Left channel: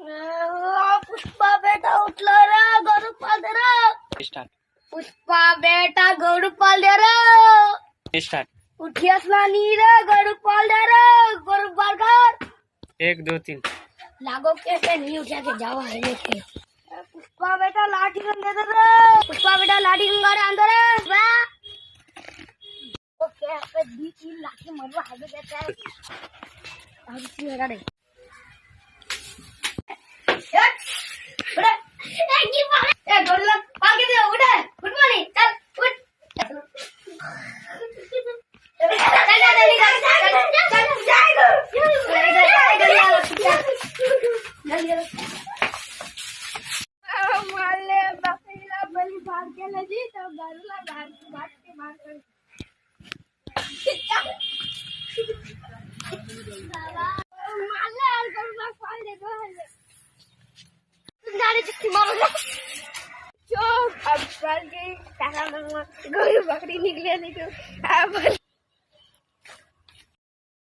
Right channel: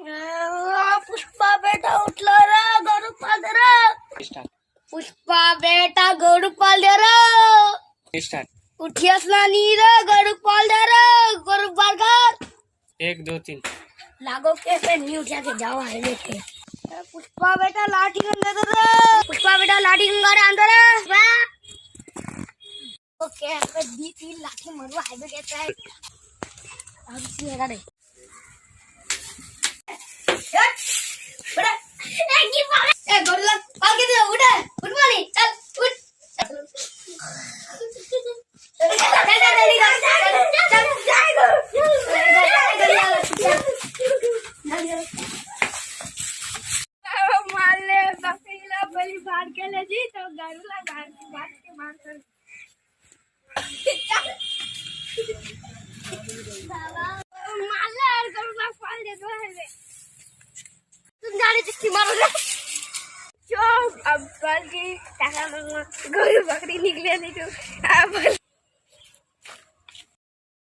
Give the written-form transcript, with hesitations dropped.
पुष्पा बेटा उठला रे, गरु पाल दे रे. स्टार्ट. पुष्पा बेटा गरु पाल दे रे. स्टार्ट. उठियस ना नी रे, गरु पाल दे रे, गरु पाल कर. 1 2 3. लागो के पे नहीं उठा के जाओ है लेके. पुष्पा बेटा लाठी गंगा दे रे. पुष्पा बेटा लाठी गंगा रे अंदर है. ओके पे दी 3 लाठी मरवा हाईवे कहते हैं. अब सी लगा दे. अब बकरी निकले नहीं तो